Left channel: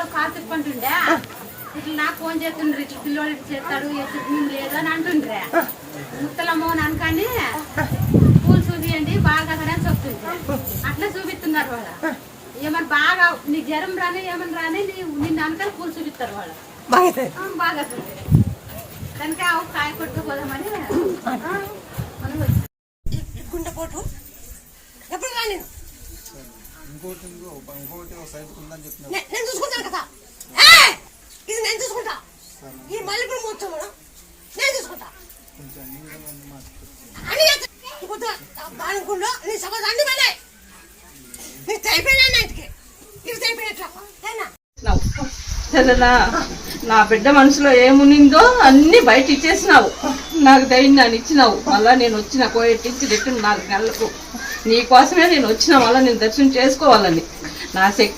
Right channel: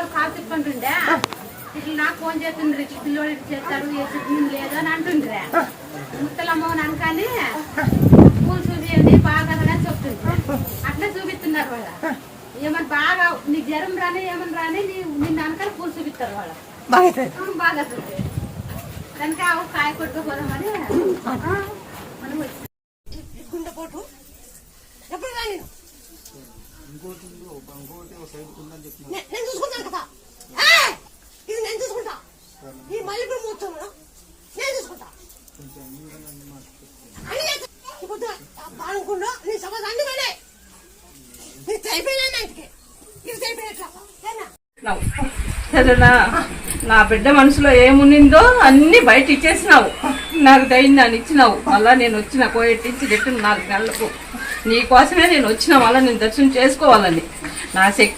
ఊర్లో కాలు తిప్పుకుంటుండే ఇట్లా నాకు ఫోన్ చేస్తుండ్రు, ఇట్లా పిల్లోడు ఇట్లా చేస్తాడు నేను లేదు అని అంటుండ్రే. ముత్తలమ్మ అని అనుకని పూలు చూపియండి బాగా అని చెప్తుండ్రే. అట్లా చూపిస్తున్నారు వాళ్ళ. ఏమన్నా బాగా నీకు జ్వరం రాని ఏమన్నా రాని నిన్ను అనుకని పూలు చూపిస్తారు వాళ్ళు బాగా చూపి కనుక కాయ కొట్టుకు పోదామని మనం గుండెపోటు ఎప్పుడు రా నేను నేను చూసుకుంటాను కదా. ఇది నేను చూసుకుంటా. ఈ మల్లెపూలు మొత్తం నేను చూసుకుంటా అని ఇప్పుడు బాగుండో నీ సమాజం అన్ని వెళ్ళాయి. నీకు అయిపోయినా ఇంటికి ఇది అయిపోయినట్లా సరేనా? నా బిడ్డ మనసులో ఏమునిందో అన్ని బయట ఇచ్చేసినావు. నాకు ధైర్యాన్ని ఇచ్చినావు. మళ్ళీ నేను వచ్చిన కోయట్టించి రెట్టు 4 నెలలకు నీ కోసమే నేను వచ్చిన. మళ్ళీ నేను దర్శనం చేసుకోవాలని నా శక్తి